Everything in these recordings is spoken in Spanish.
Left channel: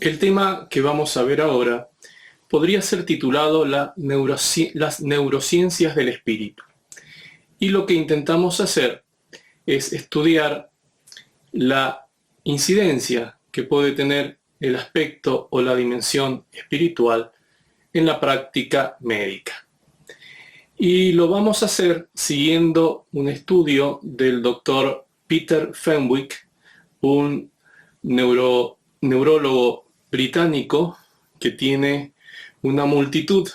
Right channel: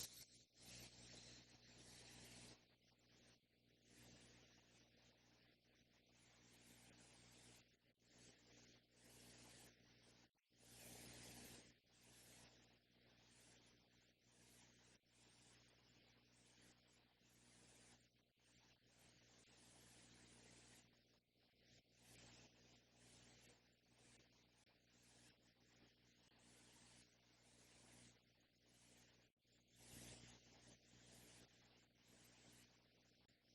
El tema que vamos a ver ahora podría ser titulado las neurociencias del espíritu. Y lo que intentamos hacer es estudiar la incidencia que puede tener el aspecto o la dimensión espiritual en la práctica médica. Y lo vamos a hacer siguiendo un estudio del doctor Peter Fenwick, un neurólogo británico que tiene una multitud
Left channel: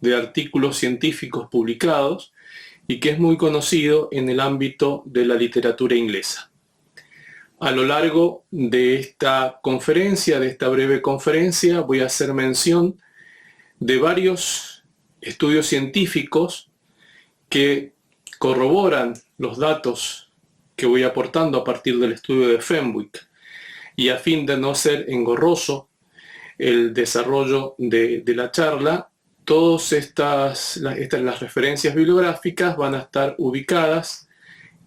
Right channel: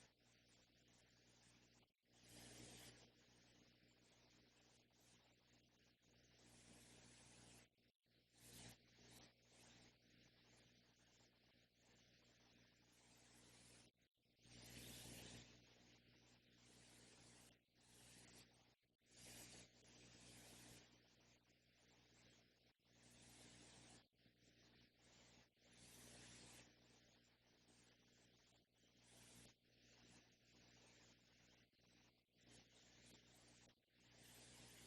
de artículos científicos publicados y que es muy conocido en el ámbito de la literatura inglesa. A lo largo de esta conferencia, de esta breve conferencia, voy a hacer mención de varios estudios científicos que corroboran los datos que voy aportando a partir del estudio de Fenwick. Y a fin de no ser engorroso el desarrollo de la charla, todas las referencias bibliográficas van a estar ubicadas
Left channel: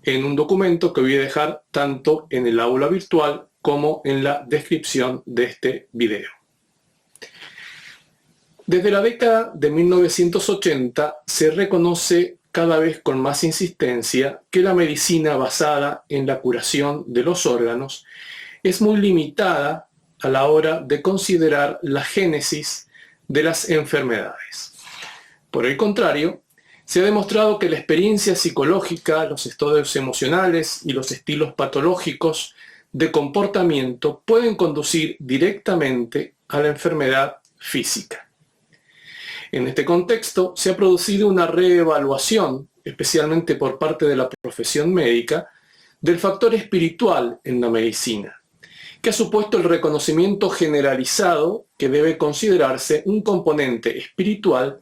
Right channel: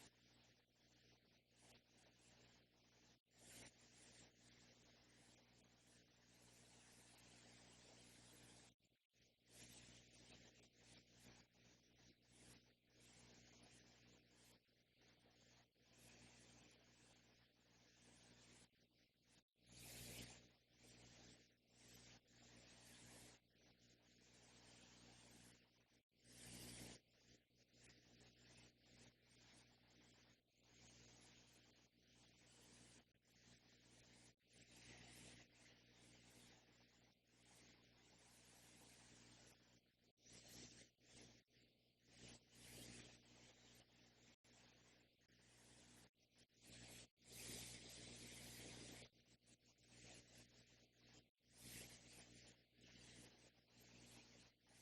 en un documento que voy a dejar tanto en el aula virtual como en la descripción de este video. Desde la década de 1980 se reconoce cada vez con más insistencia que la medicina basada en la curación de los órganos es muy limitada a la hora de considerar la génesis de las enfermedades. Por el contrario, se ha demostrado que la experiencia psicológica, los estados emocionales y los estilos patológicos de comportamiento pueden conducir directamente a la enfermedad física. En este contexto, se ha producido una reevaluación, especialmente por parte de la profesión médica, del factor espiritual en la medicina, que ha supuesto el reconocimiento generalizado que debe considerarse un componente espiritual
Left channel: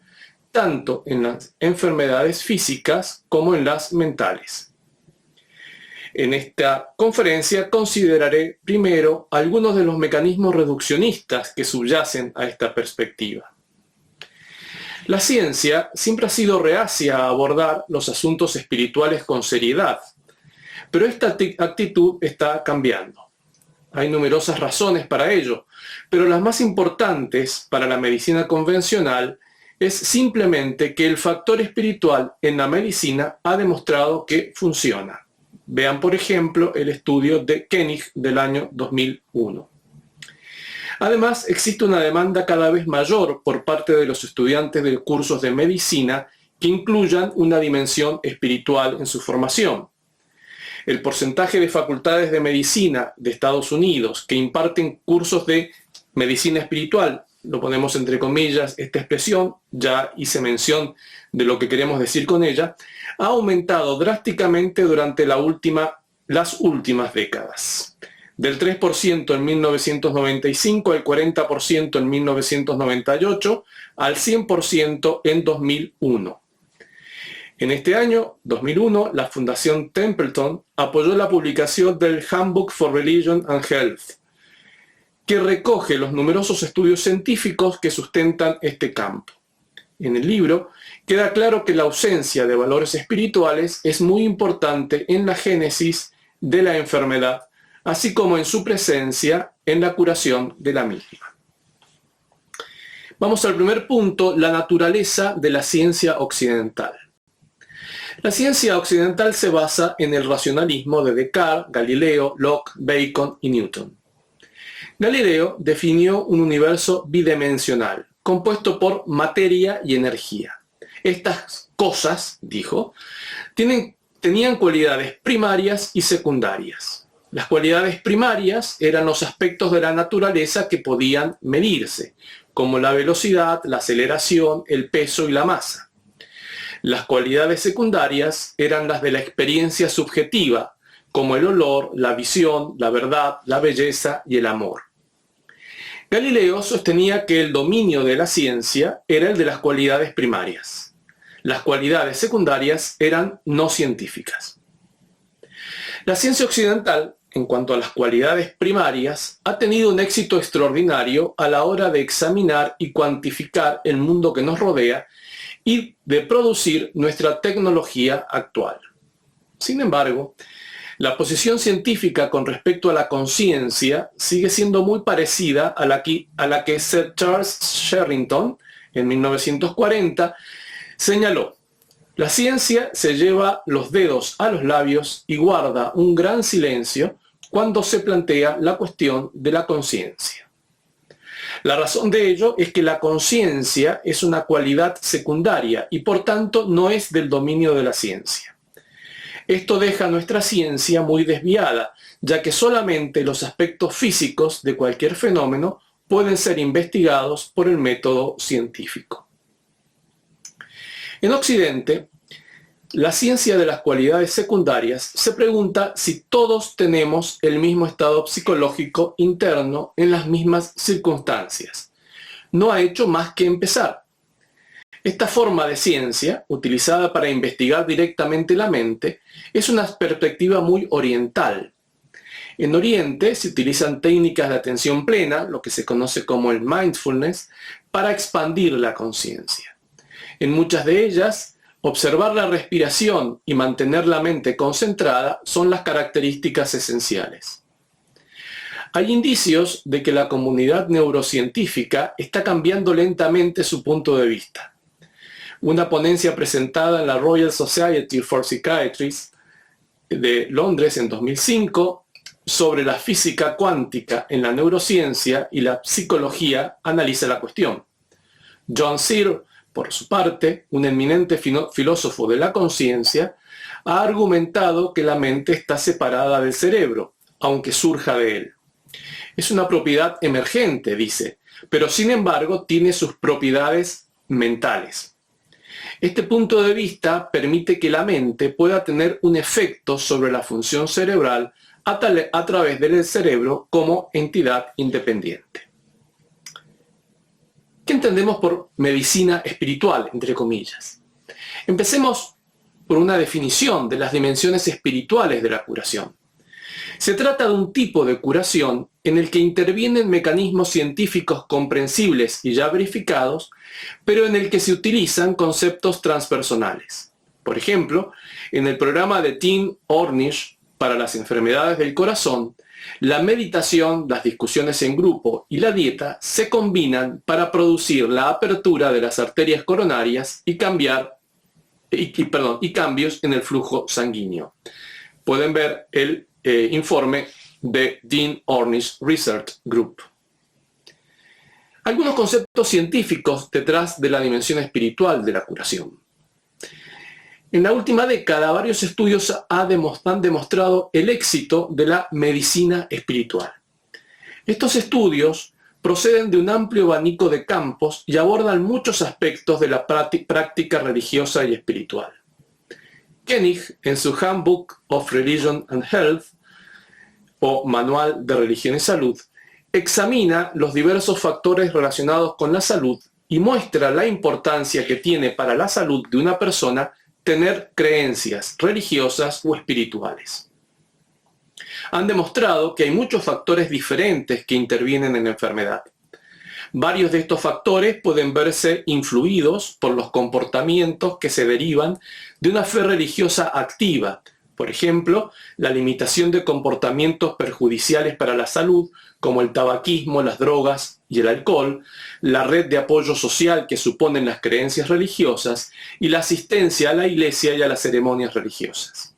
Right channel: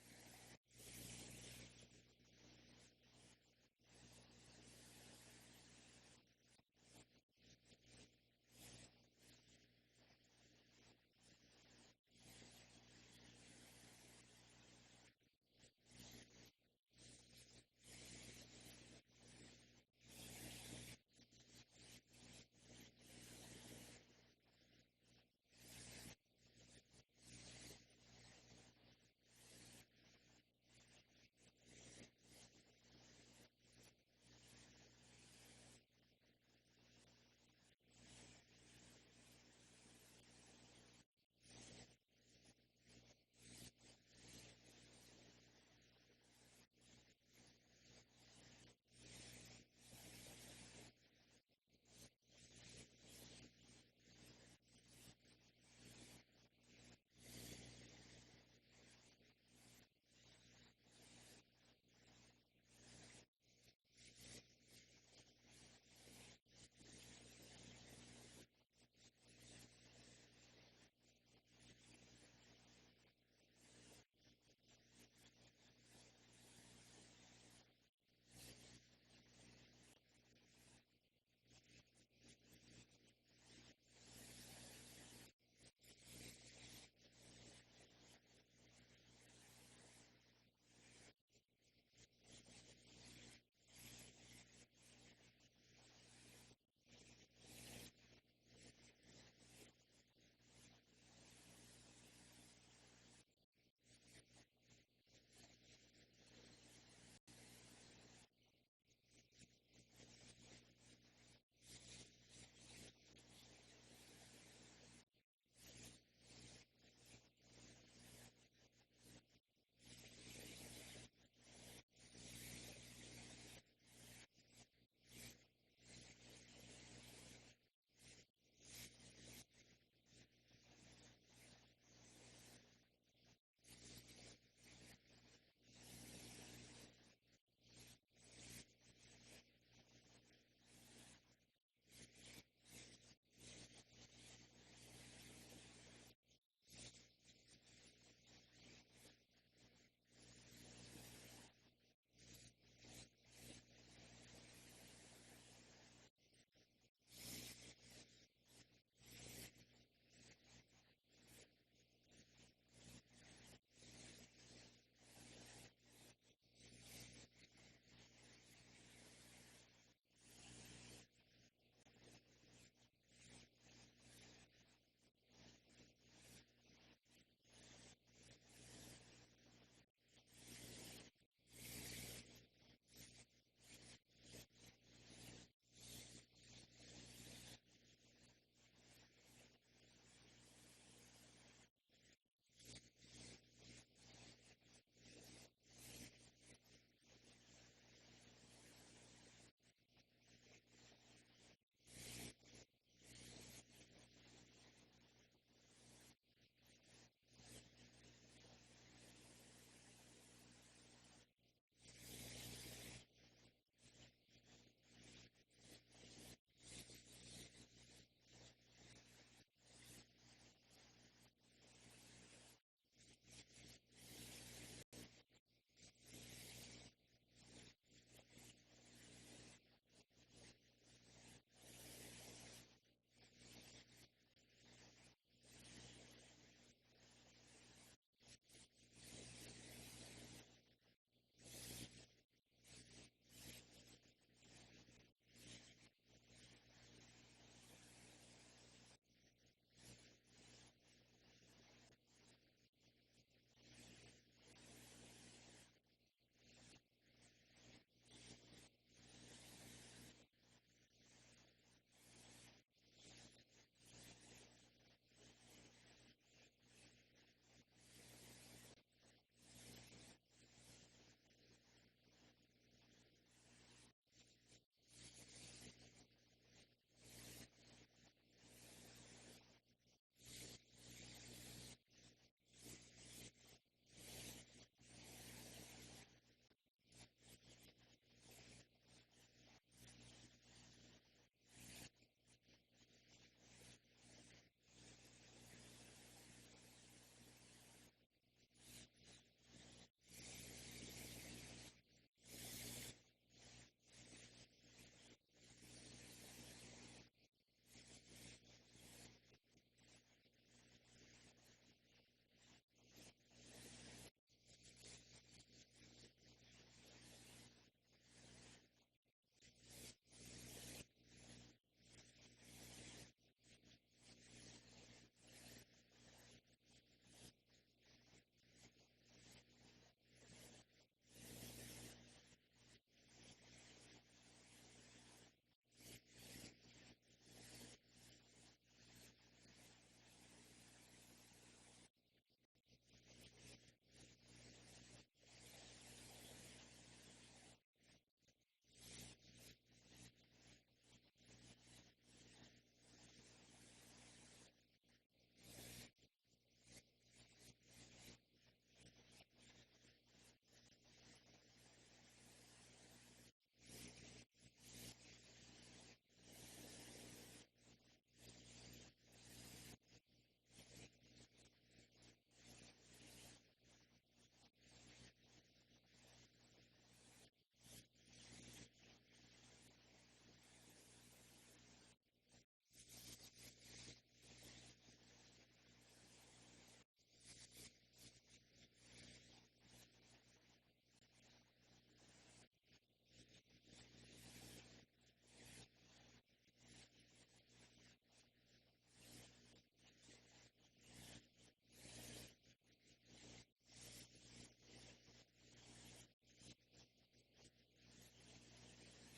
tanto en las enfermedades físicas como en las mentales. En esta conferencia consideraré primero algunos de los mecanismos reduccionistas que subyacen a esta perspectiva. La ciencia siempre ha sido reacia a abordar los asuntos espirituales con seriedad, pero esta actitud está cambiando. Hay numerosas razones para ello, pero las más importantes para la medicina convencional es simplemente que el factor espiritual en la medicina ha demostrado que funciona. Vean, por ejemplo, el estudio de Koenig del año 2001. Además, existe una demanda cada vez mayor por parte de los estudiantes de cursos de medicina que incluyan una dimensión espiritual en su formación. El porcentaje de facultades de medicina de Estados Unidos que imparten cursos de medicina espiritual, lo ponemos entre comillas esta expresión, ya hice mención de lo que queremos decir con ella, ha aumentado drásticamente durante las últimas décadas. Del 3% en 1995 al 40% en 1998 al 100% en 2001. En este año, 2001, la Fundación Templeton apoyó la publicación del Handbook for Religion and Health, que recoge los numerosos estudios científicos que sustentan este campo. En el libro queda claro que la ausencia de valores espirituales es muy importante en la génesis de la enfermedad, así como en su presencia en la curación de la misma. Vamos al primer punto, la naturaleza de la ciencia occidental. La ciencia occidental se basa en el racionalismo de Descartes, Galileo, Locke, Bacon y Newton. Galileo definió un universo bidimensional, compuesto por materia y energía. Estas cosas, dijo, tenían cualidades primarias y secundarias. Las cualidades primarias eran los aspectos de la naturaleza que podían medirse, como la velocidad, la aceleración, el peso y la masa. Las cualidades secundarias eran las de la experiencia subjetiva, como el olor, la visión, la verdad, la belleza y el amor. Galileo sostenía que el dominio de la ciencia era el de las cualidades primarias. Las cualidades secundarias eran no científicas. La ciencia occidental, en cuanto a las cualidades primarias, ha tenido un éxito extraordinario a la hora de examinar y cuantificar el mundo que nos rodea y de producir nuestra tecnología actual. Sin embargo, La posición científica con respecto a la conciencia sigue siendo muy parecida a la que Sir Charles Sherrington, en 1940, señaló. La ciencia se lleva los dedos a los labios y guarda un gran silencio cuando se plantea la cuestión de la conciencia. La razón de ello es que la conciencia es una cualidad secundaria y por tanto no es del dominio de la ciencia. Esto deja a nuestra ciencia muy desviada, ya que solamente los aspectos físicos de cualquier fenómeno pueden ser investigados por el método científico. En Occidente, la ciencia de las cualidades secundarias se pregunta si todos tenemos el mismo estado psicológico interno en las mismas circunstancias. No ha hecho más que empezar. Esta forma de ciencia, utilizada para investigar directamente la mente, es una perspectiva muy oriental. En Oriente se utilizan técnicas de atención plena, lo que se conoce como el mindfulness, para expandir la conciencia. En muchas de ellas, observar la respiración y mantener la mente concentrada son las características esenciales. Hay indicios de que la comunidad neurocientífica está cambiando lentamente su punto de vista. Una ponencia presentada en la Royal Society for Psychiatry de Londres en 2005 sobre la física cuántica en la neurociencia y la psicología analiza la cuestión. John Searle, por su parte, un eminente filósofo de la conciencia, ha argumentado que la mente está separada del cerebro, aunque surja de él. Es una propiedad emergente, dice, pero sin embargo tiene sus propiedades mentales. Este punto de vista permite que la mente pueda tener un efecto sobre la función cerebral a través del cerebro como entidad independiente. ¿Qué entendemos por medicina espiritual, entre comillas? Empecemos por una definición de las dimensiones espirituales de la curación. Se trata de un tipo de curación en el que intervienen mecanismos científicos comprensibles y ya verificados, pero en el que se utilizan conceptos transpersonales. Por ejemplo, en el programa de Dean Ornish para las enfermedades del corazón, la meditación, las discusiones en grupo y la dieta se combinan para producir la apertura de las arterias coronarias y cambios en el flujo sanguíneo. Pueden ver el informe de Dean Ornish Research Group. Algunos conceptos científicos detrás de la dimensión espiritual de la curación. En la última década, varios estudios han demostrado el éxito de la medicina espiritual. Estos estudios proceden de un amplio abanico de campos y abordan muchos aspectos de la práctica religiosa y espiritual. Koenig, en su Handbook of Religion and Health, o Manual de Religión y Salud, examina los diversos factores relacionados con la salud y muestra la importancia que tiene para la salud de una persona tener creencias religiosas o espirituales. Han demostrado que hay muchos factores diferentes que intervienen en la enfermedad. Varios de estos factores pueden verse influidos por los comportamientos que se derivan de una fe religiosa activa. Por ejemplo, la limitación de comportamientos perjudiciales para la salud, como el tabaquismo, las drogas y el alcohol, la red de apoyo social que suponen las creencias religiosas y la asistencia a la iglesia y a las ceremonias religiosas.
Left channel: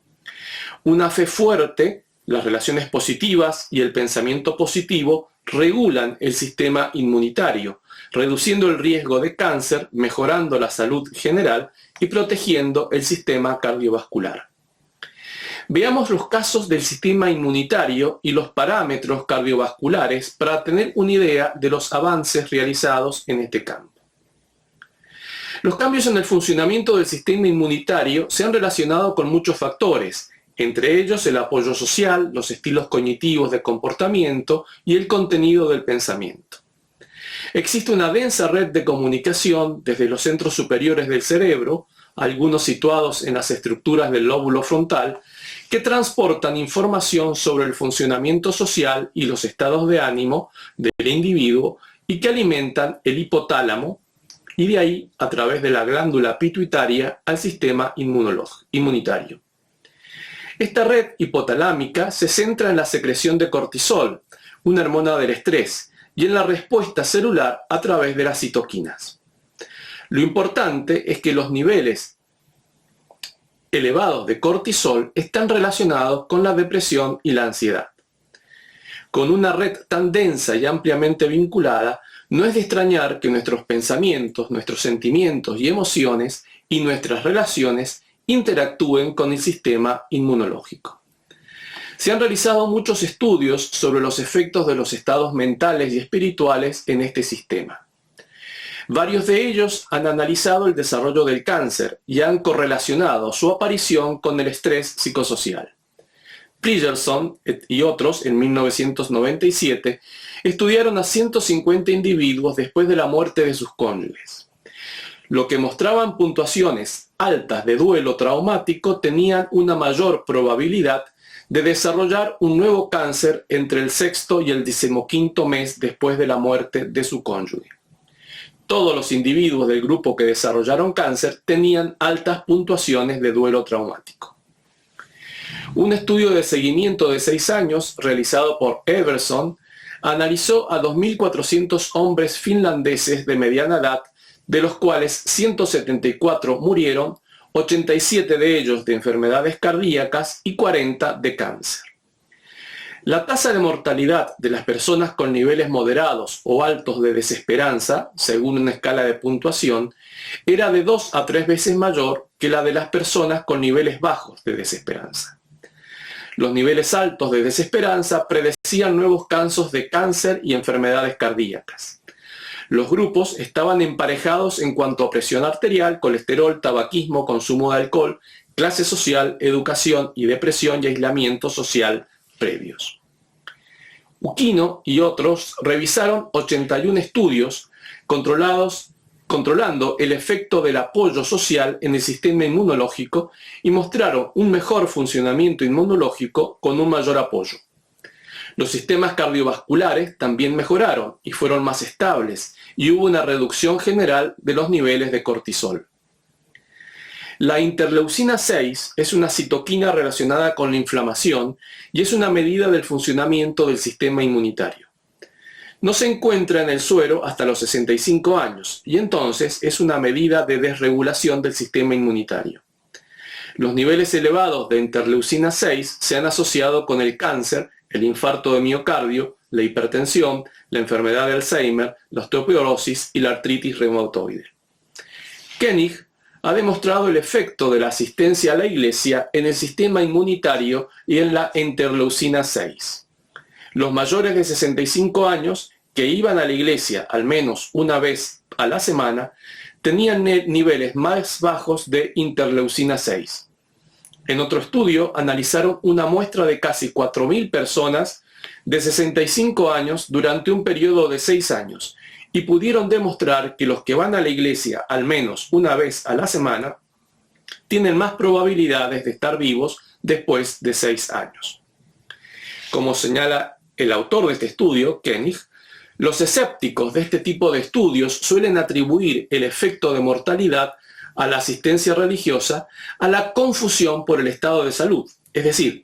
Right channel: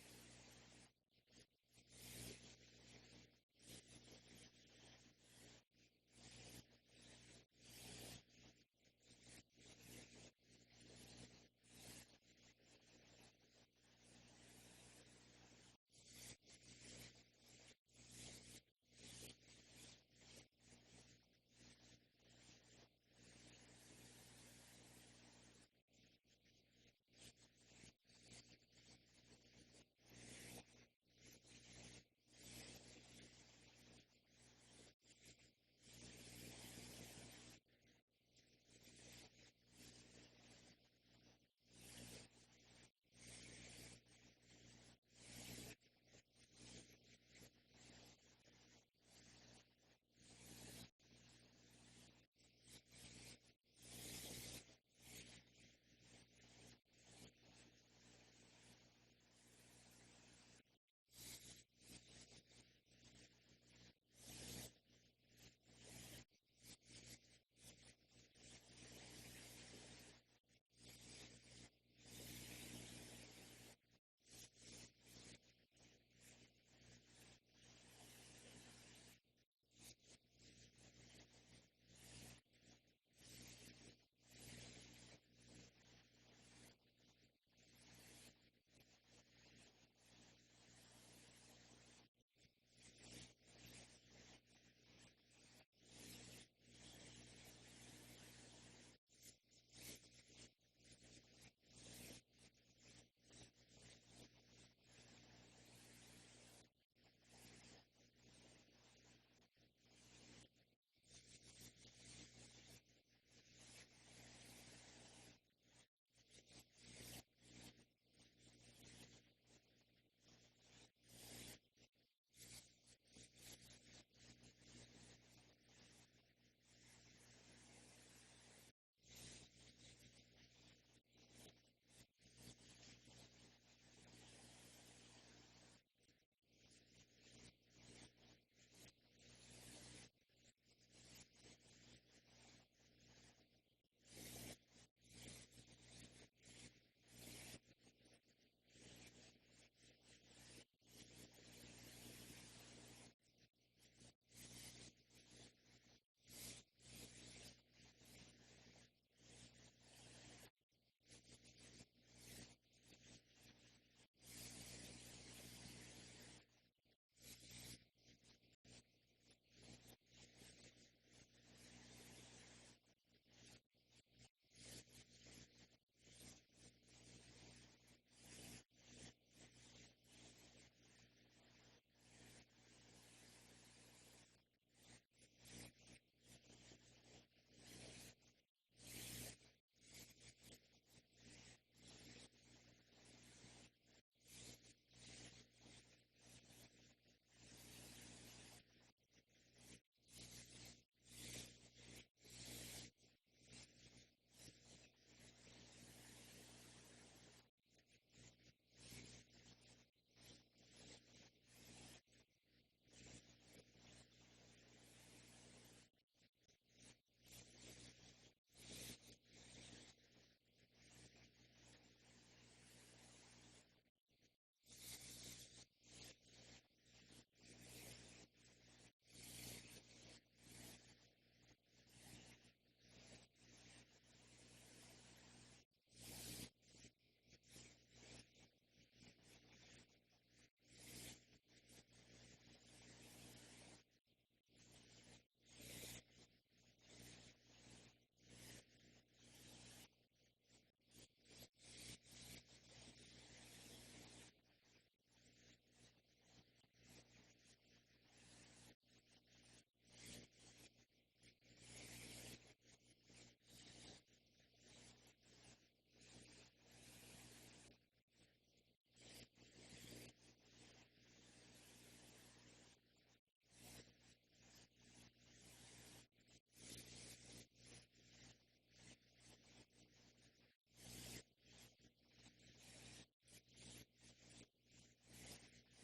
Una fe fuerte, las relaciones positivas y el pensamiento positivo regulan el sistema inmunitario, reduciendo el riesgo de cáncer, mejorando la salud general y protegiendo el sistema cardiovascular. Veamos los casos del sistema inmunitario y los parámetros cardiovasculares para tener una idea de los avances realizados en este campo. Los cambios en el funcionamiento del sistema inmunitario se han relacionado con muchos factores, entre ellos el apoyo social, los estilos cognitivos de comportamiento y el contenido del pensamiento. Existe una densa red de comunicación desde los centros superiores del cerebro, algunos situados en las estructuras del lóbulo frontal, que transportan información sobre el funcionamiento social y los estados de ánimo del individuo y que alimentan el hipotálamo y de ahí, a través de la glándula pituitaria, al sistema inmunitario. Esta red hipotalámica se centra en la secreción de cortisol, una hormona del estrés, y en la respuesta celular a través de las citoquinas. Lo importante es que los niveles elevados de cortisol están relacionados con la depresión y la ansiedad. Con una red tan densa y ampliamente vinculada, no es de extrañar que nuestros pensamientos, nuestros sentimientos y emociones y nuestras relaciones interactúen con el sistema inmunológico. Se han realizado muchos estudios sobre los efectos de los estados mentales y espirituales en este sistema. Varios de ellos han analizado el desarrollo del cáncer y han correlacionado su aparición con el estrés psicosocial. Pridgerson y otros, en 1997, estudiaron a 150 individuos después de la muerte de sus cónyuges. Lo que mostraban puntuaciones altas de duelo traumático tenían una mayor probabilidad de desarrollar un nuevo cáncer entre el sexto y el 15º mes después de la muerte de su cónyuge. Todos los individuos del grupo que desarrollaron cáncer tenían altas puntuaciones de duelo traumático. Un estudio de seguimiento de 6 años, realizado por Everson, analizó a 2.400 hombres finlandeses de mediana edad, de los cuales 174 murieron, 87 de ellos de enfermedades cardíacas y 40 de cáncer. La tasa de mortalidad de las personas con niveles moderados o altos de desesperanza, según una escala de puntuación, era de 2 a 3 veces mayor que la de las personas con niveles bajos de desesperanza. Los niveles altos de desesperanza predecían nuevos casos de cáncer y enfermedades cardíacas. Los grupos estaban emparejados en cuanto a presión arterial, colesterol, tabaquismo, consumo de alcohol, clase social, educación y depresión y aislamiento social previos. Ukino y otros revisaron 81 estudios controlando el efecto del apoyo social en el sistema inmunológico y mostraron un mejor funcionamiento inmunológico con un mayor apoyo. Los sistemas cardiovasculares también mejoraron y fueron más estables y hubo una reducción general de los niveles de cortisol. La interleucina 6 es una citoquina relacionada con la inflamación y es una medida del funcionamiento del sistema inmunitario. No se encuentra en el suero hasta los 65 años y entonces es una medida de desregulación del sistema inmunitario. Los niveles elevados de interleucina 6 se han asociado con el cáncer, el infarto de miocardio, la hipertensión, la enfermedad de Alzheimer, la osteoporosis y la artritis reumatoide. Koenig ha demostrado el efecto de la asistencia a la iglesia en el sistema inmunitario y en la interleucina 6. Los mayores de 65 años que iban a la iglesia al menos una vez a la semana tenían niveles más bajos de interleucina 6. En otro estudio analizaron una muestra de casi 4.000 personas de 65 años durante un periodo de 6 años y pudieron demostrar que los que van a la iglesia al menos una vez a la semana tienen más probabilidades de estar vivos después de 6 años. Como señala el autor de este estudio, Koenig, los escépticos de este tipo de estudios suelen atribuir el efecto de mortalidad a la asistencia religiosa, a la confusión por el estado de salud. Es decir,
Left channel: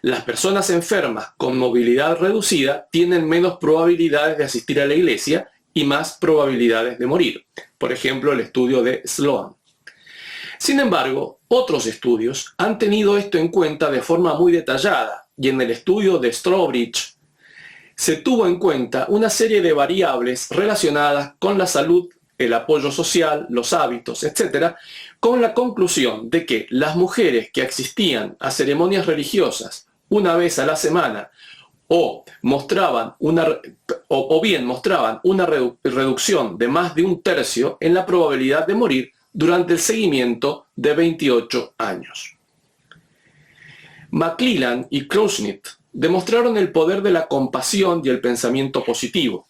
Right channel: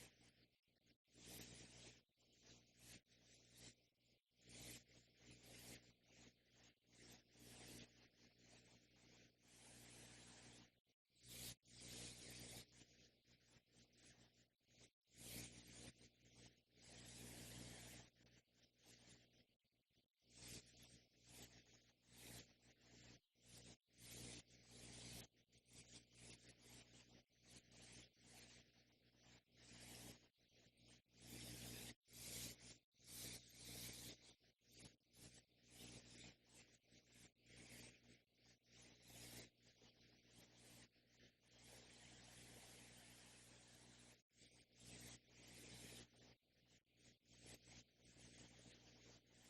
las personas enfermas con movilidad reducida tienen menos probabilidades de asistir a la iglesia y más probabilidades de morir. Por ejemplo, el estudio de Sloan. Sin embargo, otros estudios han tenido esto en cuenta de forma muy detallada y en el estudio de Strawbridge se tuvo en cuenta una serie de variables relacionadas con la salud, el apoyo social, los hábitos, etc., con la conclusión de que las mujeres que asistían a ceremonias religiosas una vez a la semana o bien mostraban una reducción de más de 1/3 en la probabilidad de morir durante el seguimiento de 28 años. McClellan y Krushnitt demostraron el poder de la compasión y el pensamiento positivo.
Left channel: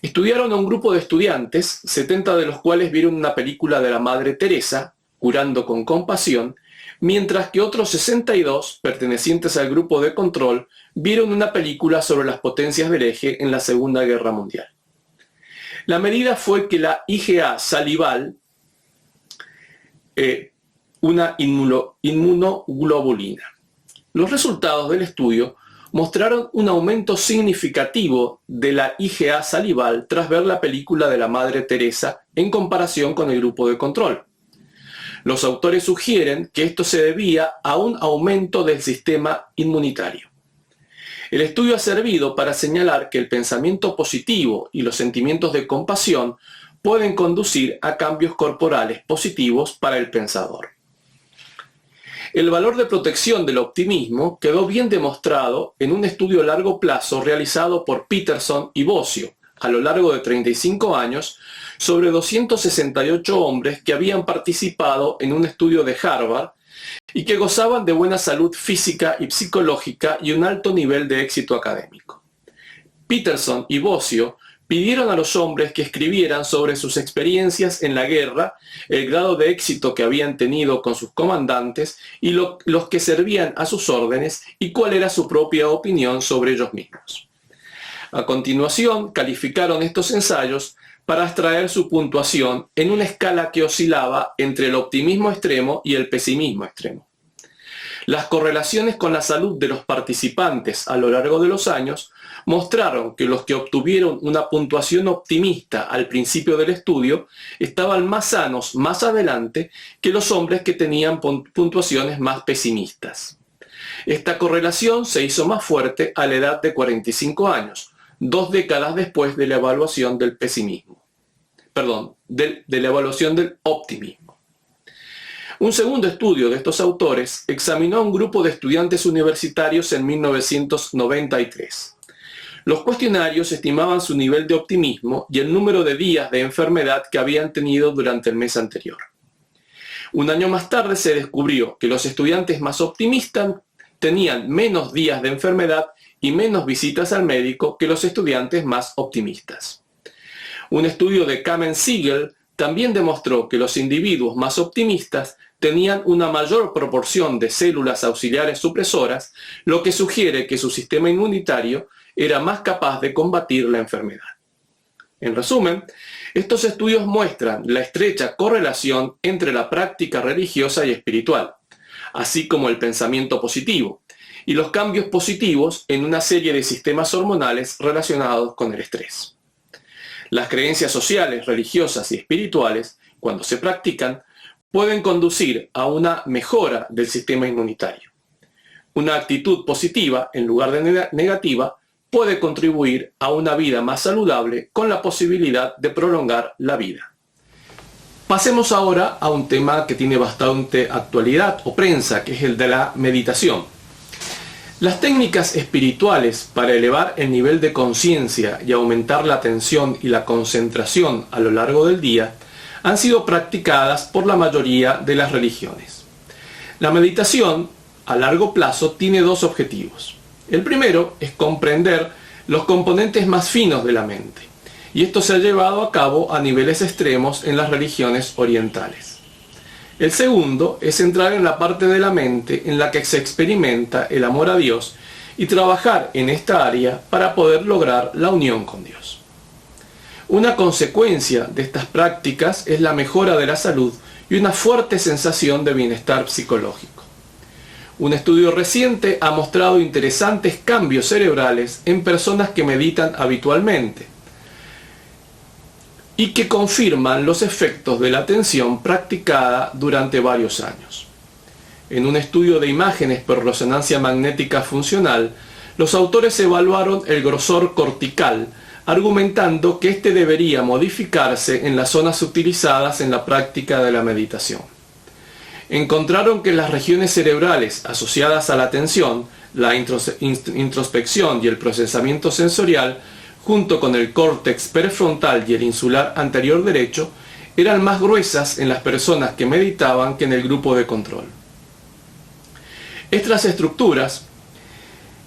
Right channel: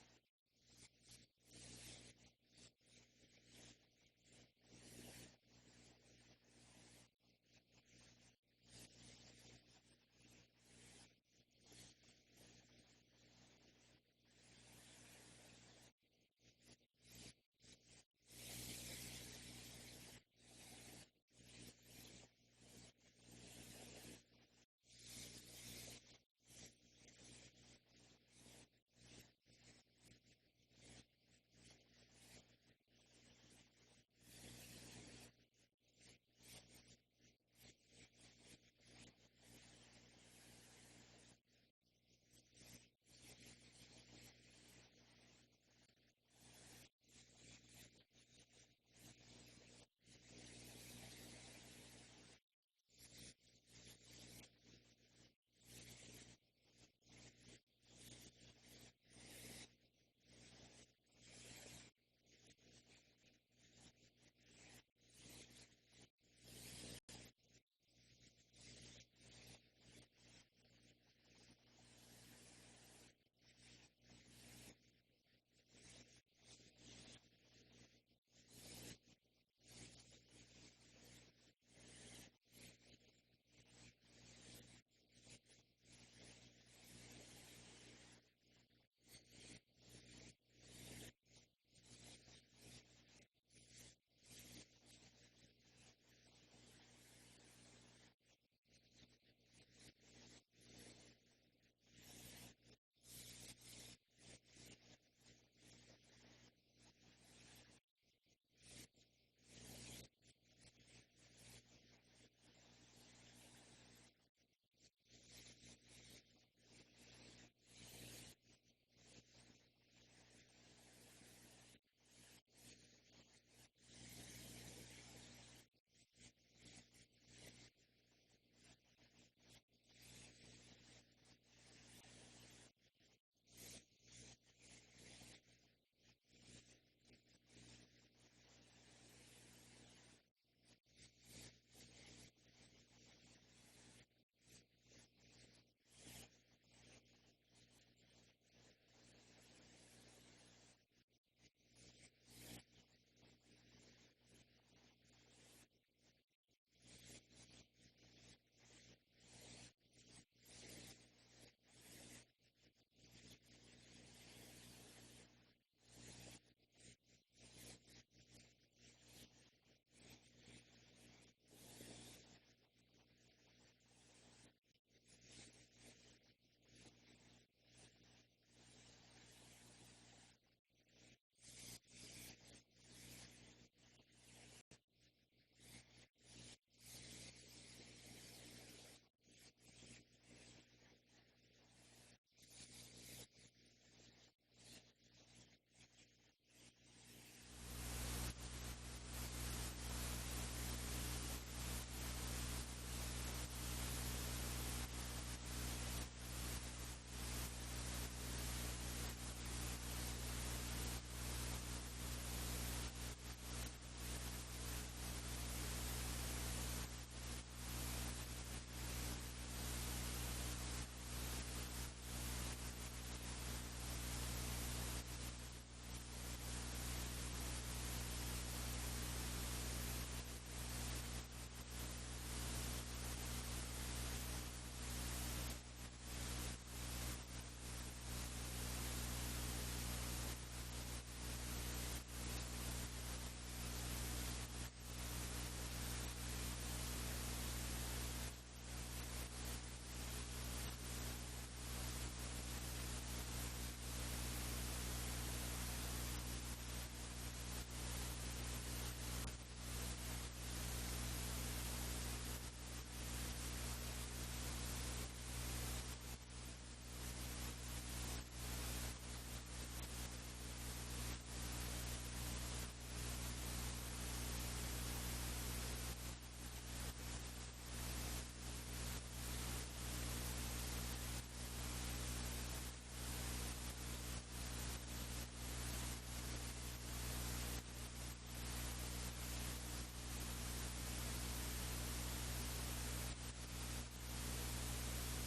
Estudiaron a un grupo de estudiantes, 70 de los cuales vieron una película de la Madre Teresa, Curando con Compasión, mientras que otros 62, pertenecientes al grupo de control, vieron una película sobre las potencias del eje en la Segunda Guerra Mundial. La medida fue que la IgA salival, una inmunoglobulina, Los resultados del estudio mostraron un aumento significativo de la IgA salival tras ver la película de la Madre Teresa en comparación con el grupo de control. Los autores sugieren que esto se debía a un aumento del sistema inmunitario. El estudio ha servido para señalar que el pensamiento positivo y los sentimientos de compasión pueden conducir a cambios corporales positivos para el pensador. El valor de protección del optimismo quedó bien demostrado en un estudio a largo plazo realizado por Peterson y Bossio a lo largo de 35 años sobre 268 hombres que habían participado en un estudio de Harvard y que gozaban de buena salud física y psicológica y un alto nivel de éxito académico. Peterson y Bossio pidieron a los hombres que escribieran sobre sus experiencias en la guerra, el grado de éxito que habían tenido con sus comandantes y los que servían a sus órdenes y cuál era su propia opinión sobre ellos mismos. A continuación, calificaron estos ensayos para extraer su puntuación en una escala que oscilaba entre el optimismo extremo y el pesimismo extremo. Las correlaciones con la salud de los participantes a lo largo de los años mostraron que los que obtuvieron una puntuación optimista al principio del estudio estaban más sanos más adelante que los hombres que tenían puntuaciones más pesimistas. Esta correlación se hizo más fuerte a la edad de 45 años, 2 décadas después de la evaluación del pesimismo. De la evaluación del optimismo. Un segundo estudio de estos autores examinó a un grupo de estudiantes universitarios en 1993. Los cuestionarios estimaban su nivel de optimismo y el número de días de enfermedad que habían tenido durante el mes anterior. Un año más tarde se descubrió que los estudiantes más optimistas tenían menos días de enfermedad y menos visitas al médico que los estudiantes más optimistas. Un estudio de Kamen-Siegel también demostró que los individuos más optimistas tenían una mayor proporción de células auxiliares supresoras, lo que sugiere que su sistema inmunitario era más capaz de combatir la enfermedad. En resumen, estos estudios muestran la estrecha correlación entre la práctica religiosa y espiritual, así como el pensamiento positivo, y los cambios positivos en una serie de sistemas hormonales relacionados con el estrés. Las creencias sociales, religiosas y espirituales, cuando se practican, pueden conducir a una mejora del sistema inmunitario. Una actitud positiva, en lugar de negativa, puede contribuir a una vida más saludable con la posibilidad de prolongar la vida. Pasemos ahora a un tema que tiene bastante actualidad o prensa, que es el de la meditación. Las técnicas espirituales para elevar el nivel de conciencia y aumentar la atención y la concentración a lo largo del día han sido practicadas por la mayoría de las religiones. La meditación a largo plazo tiene dos objetivos. El primero es comprender los componentes más finos de la mente, y esto se ha llevado a cabo a niveles extremos en las religiones orientales. El segundo es entrar en la parte de la mente en la que se experimenta el amor a Dios y trabajar en esta área para poder lograr la unión con Dios. Una consecuencia de estas prácticas es la mejora de la salud y una fuerte sensación de bienestar psicológico. Un estudio reciente ha mostrado interesantes cambios cerebrales en personas que meditan habitualmente y que confirman los efectos de la atención practicada durante varios años. En un estudio de imágenes por resonancia magnética funcional, los autores evaluaron el grosor cortical, argumentando que este debería modificarse en las zonas utilizadas en la práctica de la meditación. Encontraron que las regiones cerebrales asociadas a la atención, la introspección y el procesamiento sensorial, junto con el córtex prefrontal y el insular anterior derecho, eran más gruesas en las personas que meditaban que en el grupo de control. Estas estructuras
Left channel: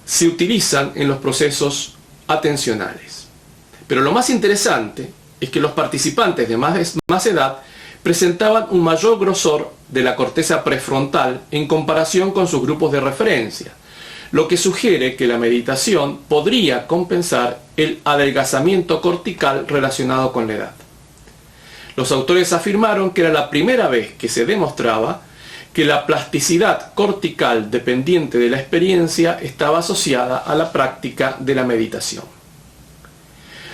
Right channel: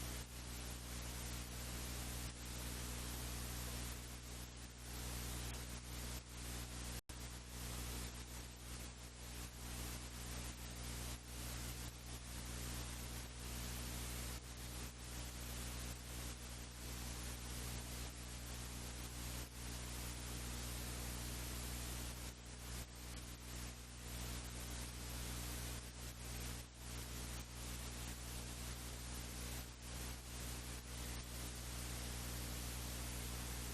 se utilizan en los procesos atencionales. Pero lo más interesante es que los participantes de más edad presentaban un mayor grosor de la corteza prefrontal en comparación con sus grupos de referencia, lo que sugiere que la meditación podría compensar el adelgazamiento cortical relacionado con la edad. Los autores afirmaron que era la primera vez que se demostraba que la plasticidad cortical dependiente de la experiencia estaba asociada a la práctica de la meditación.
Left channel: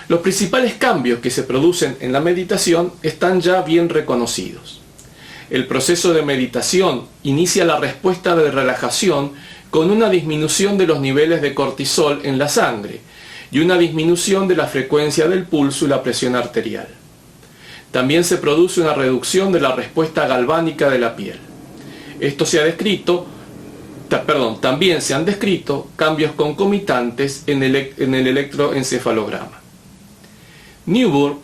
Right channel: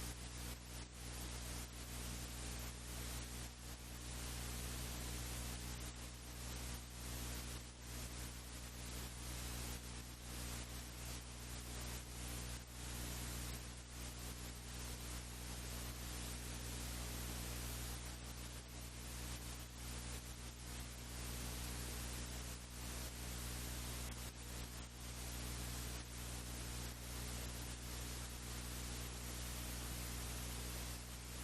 Los principales cambios que se producen en la meditación están ya bien reconocidos. El proceso de meditación inicia la respuesta de relajación con una disminución de los niveles de cortisol en la sangre y una disminución de la frecuencia del pulso y la presión arterial. También se produce una reducción de la respuesta galvánica de la piel. También se han descrito cambios concomitantes en el electroencefalograma. Newburgh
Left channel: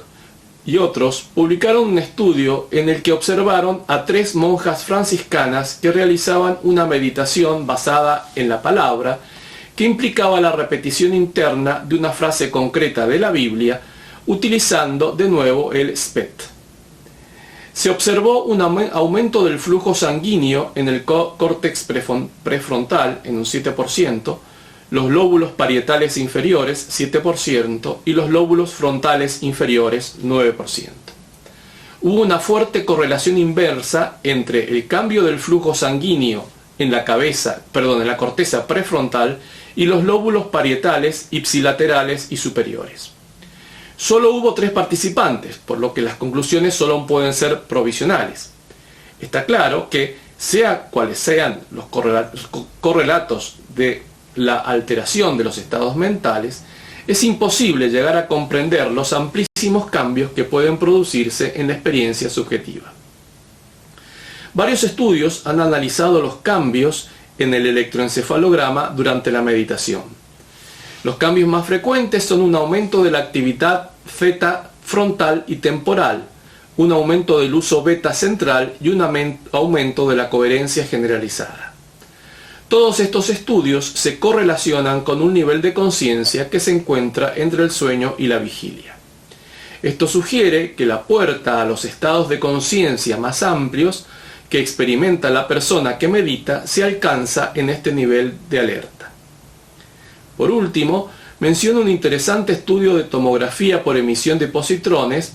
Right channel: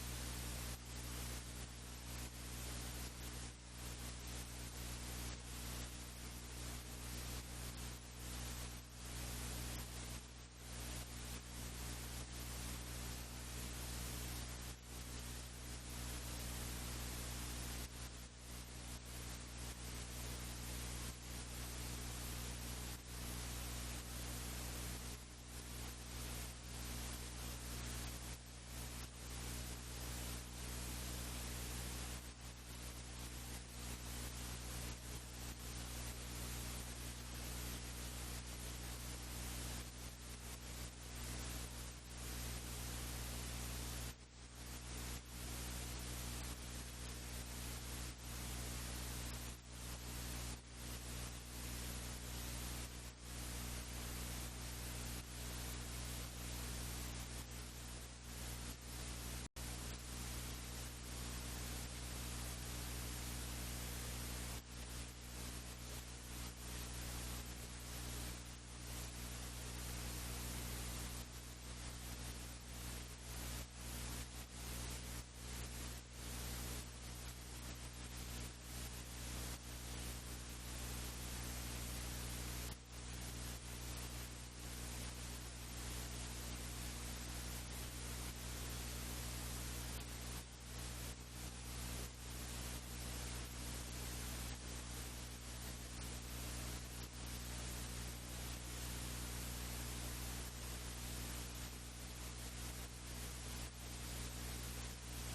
y otros publicaron un estudio en el que observaron a 3 monjas franciscanas que realizaban una meditación basada en la palabra que implicaba la repetición interna de una frase concreta de la Biblia utilizando de nuevo el SPET. Se observó un aumento del flujo sanguíneo en el córtex prefrontal en un 7%, los lóbulos parietales inferiores 7% y los lóbulos frontales inferiores 9%. Hubo una fuerte correlación inversa entre el cambio del flujo sanguíneo en la corteza prefrontal y los lóbulos parietales, ipsilaterales y superiores. Solo hubo 3 participantes, por lo que las conclusiones solo pueden ser provisionales. Está claro que, sea cuales sean los correlatos de la alteración de los estados mentales, es imposible llegar a comprender los amplísimos cambios que pueden producirse en la experiencia subjetiva. Varios estudios han analizado los cambios en el electroencefalograma durante la meditación. Los cambios más frecuentes son un aumento de la actividad theta frontal y temporal, un aumento del uso beta central y un aumento de la coherencia generalizada. Todos estos estudios se correlacionan con un nivel de conciencia que se encuentra entre el sueño y la vigilia. Esto sugiere que la puerta a los estados de conciencia más amplios que experimenta la persona que medita se alcanza en este nivel de alerta. Por último, menciono un interesante estudio de tomografía por emisión de positrones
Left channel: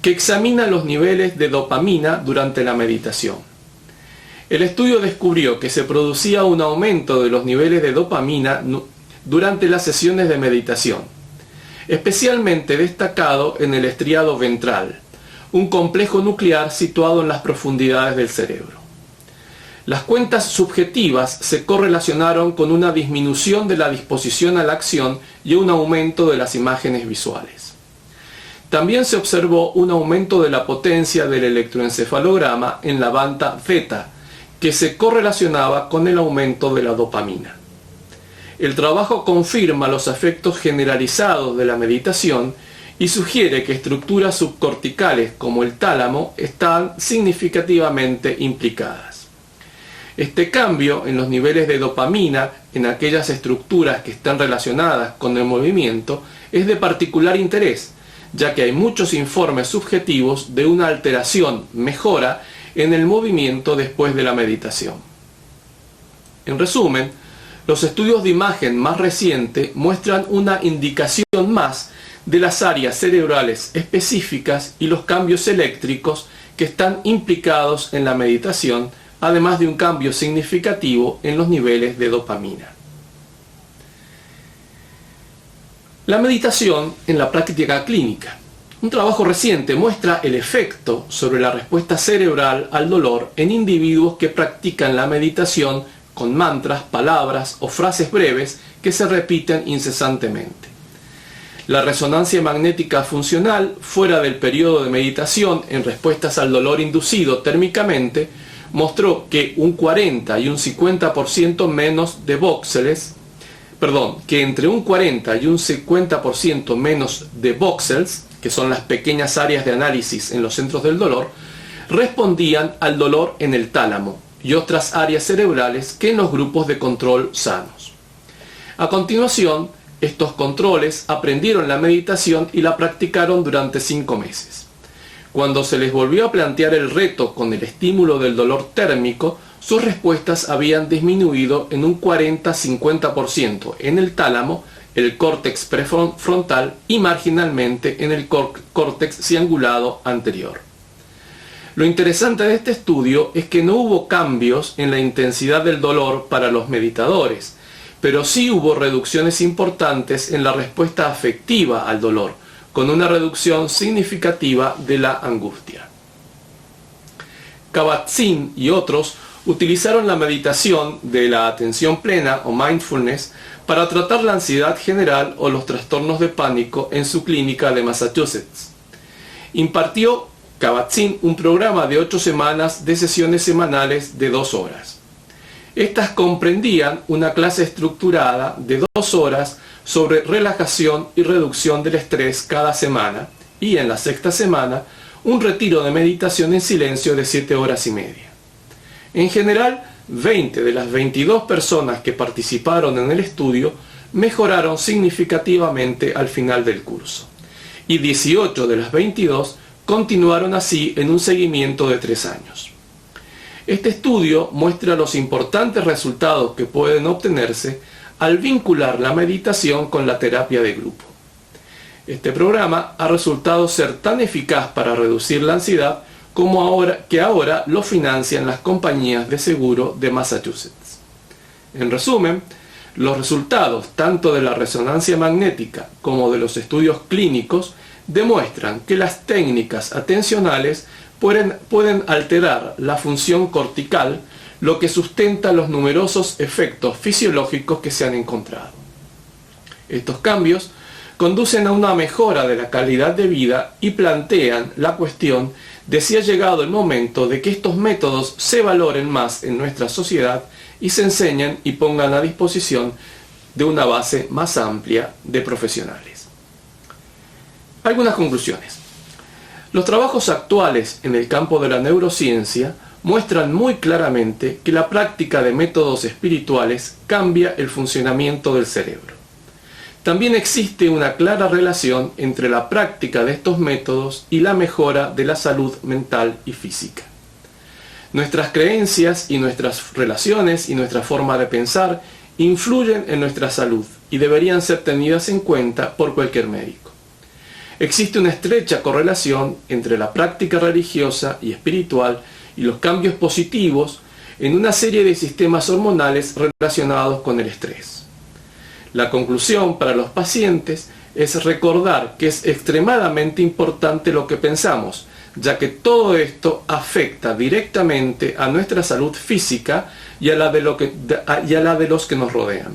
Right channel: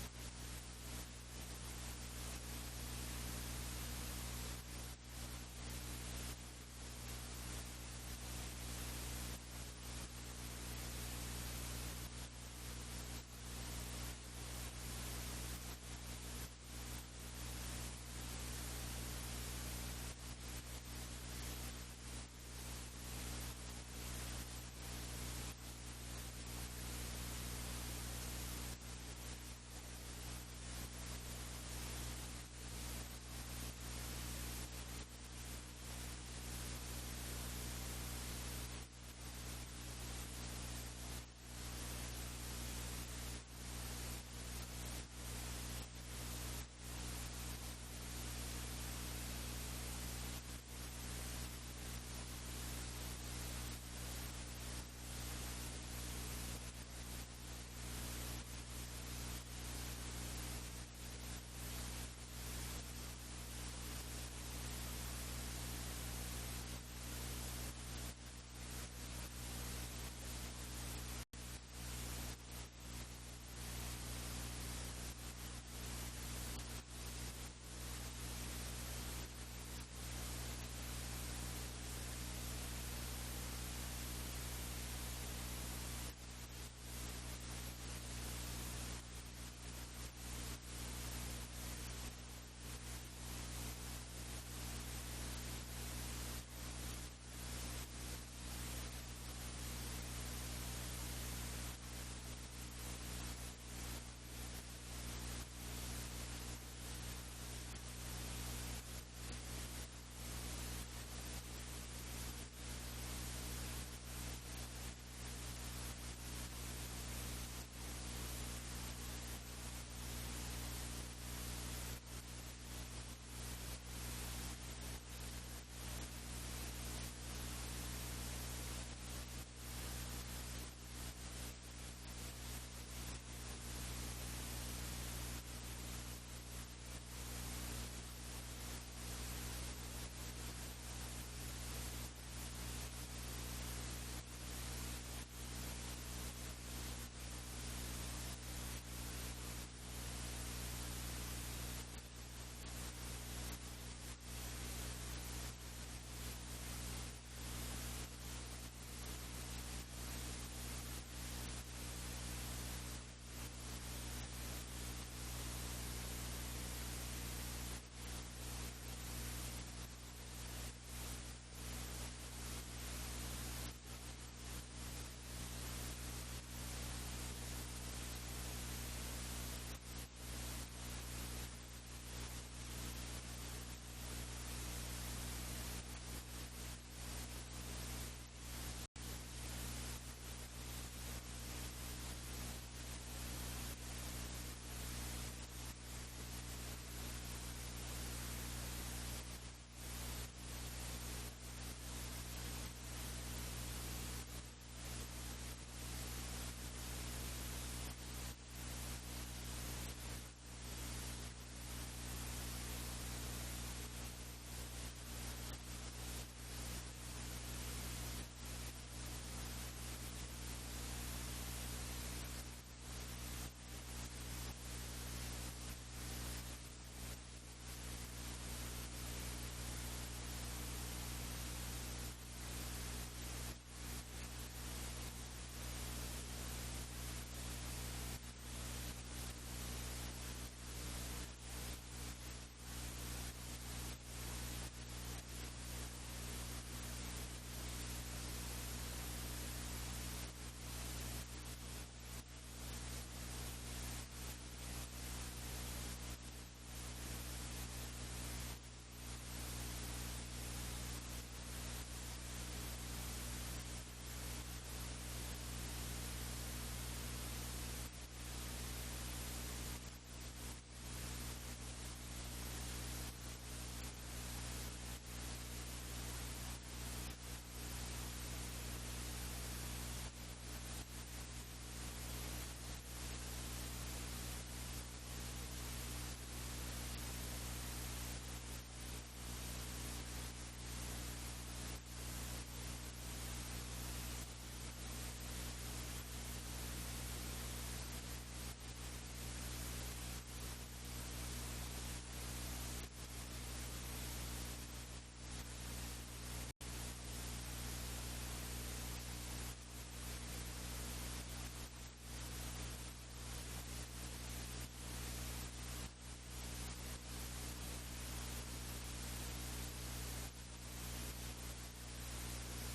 que examina los niveles de dopamina durante la meditación. El estudio descubrió que se producía un aumento de los niveles de dopamina durante las sesiones de meditación, especialmente destacado en el estriado ventral, un complejo nuclear situado en las profundidades del cerebro. Las cuentas subjetivas se correlacionaron con una disminución de la disposición a la acción y un aumento de las imágenes visuales. También se observó un aumento de la potencia del electroencefalograma en la banda theta, que se correlacionaba con el aumento de la dopamina. El trabajo confirma los efectos generalizados de la meditación y sugiere que estructuras subcorticales como el tálamo están significativamente implicadas. Este cambio en los niveles de dopamina en aquellas estructuras que están relacionadas con el movimiento es de particular interés, ya que hay muchos informes subjetivos de una mejora en el movimiento después de la meditación. En resumen, los estudios de imagen más recientes muestran una indicación más de las áreas cerebrales específicas y los cambios eléctricos que están implicados en la meditación, además de un cambio significativo en los niveles de dopamina. La meditación en la práctica clínica. Un trabajo reciente muestra el efecto sobre la respuesta cerebral al dolor en individuos que practican la meditación con mantras, palabras o frases breves que se repiten incesantemente. La resonancia magnética funcional fuera del periodo de meditación en respuestas al dolor inducido térmicamente mostró que un 40 y un 50% menos de que entre un 40 y un 50% menos de voxels, que son las pequeñas áreas de análisis en los centros del dolor, respondían al dolor en el tálamo y otras áreas cerebrales que en los grupos de control sanos. A continuación, estos controles aprendieron la meditación y la practicaron durante 5 meses. Cuando se les volvió a plantear el reto con el estímulo del dolor térmico, sus respuestas habían disminuido en un 40-50% en el tálamo, el córtex prefrontal y marginalmente en el córtex cingulado anterior. Lo interesante de este estudio es que no hubo cambios en la intensidad del dolor para los meditadores, pero sí hubo reducciones importantes en la respuesta afectiva al dolor, con una reducción significativa de la angustia. Kabat-Zinn y otros utilizaron la meditación de la atención plena o mindfulness para tratar la ansiedad general o los trastornos de pánico en su clínica de Massachusetts. Impartió Kabat-Zinn un programa de 8 semanas de sesiones semanales de 2 horas. Estas comprendían una clase estructurada de 2 horas sobre relajación y reducción del estrés cada semana y en la 6ª semana un retiro de meditación en silencio de 7 horas y media. En general, 20 de las 22 personas que participaron en el estudio mejoraron significativamente al final del curso y 18 de las 22 continuaron así en un seguimiento de 3 años. Este estudio muestra los importantes resultados que pueden obtenerse al vincular la meditación con la terapia de grupo. Este programa ha resultado ser tan eficaz para reducir la ansiedad como ahora lo financian las compañías de seguro de Massachusetts. En resumen, los resultados tanto de la resonancia magnética como de los estudios clínicos demuestran que las técnicas atencionales pueden alterar la función cortical, lo que sustenta los numerosos efectos fisiológicos que se han encontrado. Estos cambios conducen a una mejora de la calidad de vida y plantean la cuestión de si ha llegado el momento de que estos métodos se valoren más en nuestra sociedad y se enseñen y pongan a disposición de una base más amplia de profesionales. Algunas conclusiones. Los trabajos actuales en el campo de la neurociencia muestran muy claramente que la práctica de métodos espirituales cambia el funcionamiento del cerebro. También existe una clara relación entre la práctica de estos métodos y la mejora de la salud mental y física. Nuestras creencias y nuestras relaciones y nuestra forma de pensar influyen en nuestra salud y deberían ser tenidas en cuenta por cualquier médico. Existe una estrecha correlación entre la práctica religiosa y espiritual y los cambios positivos en una serie de sistemas hormonales relacionados con el estrés. La conclusión para los pacientes es recordar que es extremadamente importante lo que pensamos, ya que todo esto afecta directamente a nuestra salud física y a la de los que nos rodean.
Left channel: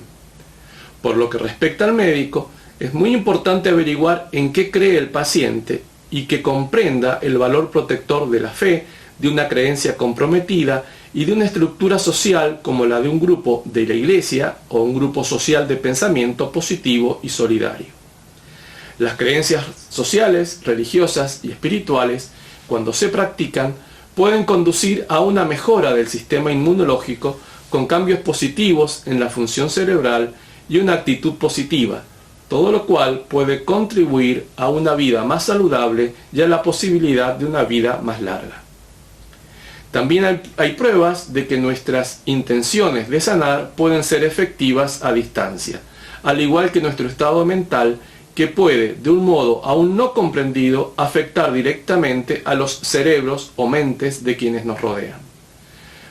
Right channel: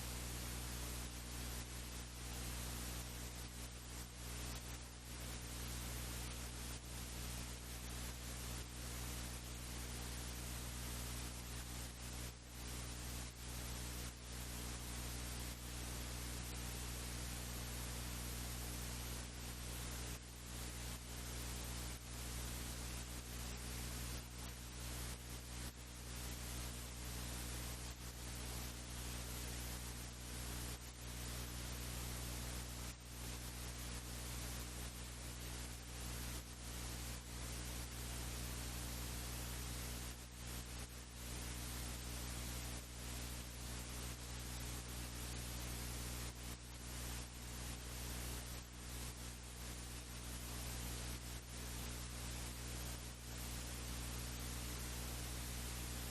Por lo que respecta al médico, es muy importante averiguar en qué cree el paciente y que comprenda el valor protector de la fe, de una creencia comprometida y de una estructura social como la de un grupo de la iglesia o un grupo social de pensamiento positivo y solidario. Las creencias sociales, religiosas y espirituales, cuando se practican, pueden conducir a una mejora del sistema inmunológico con cambios positivos en la función cerebral y una actitud positiva, todo lo cual puede contribuir a una vida más saludable y a la posibilidad de una vida más larga. También hay pruebas de que nuestras intenciones de sanar pueden ser efectivas a distancia, al igual que nuestro estado mental, que puede, de un modo aún no comprendido, afectar directamente a los cerebros o mentes de quienes nos rodean.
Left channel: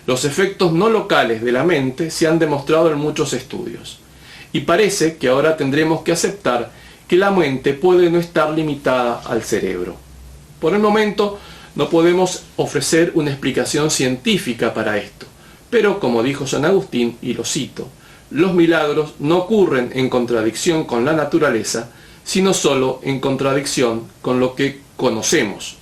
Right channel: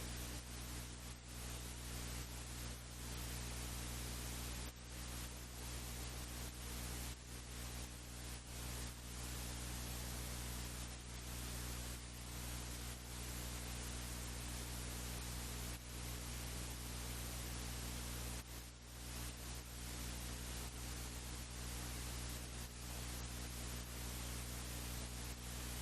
Los efectos no locales de la mente se han demostrado en muchos estudios, y parece que ahora tendremos que aceptar que la mente puede no estar limitada al cerebro. Por el momento, no podemos ofrecer una explicación científica para esto, pero como dijo San Agustín, y lo cito, los milagros no ocurren en contradicción con la naturaleza, sino solo en contradicción con lo que conocemos.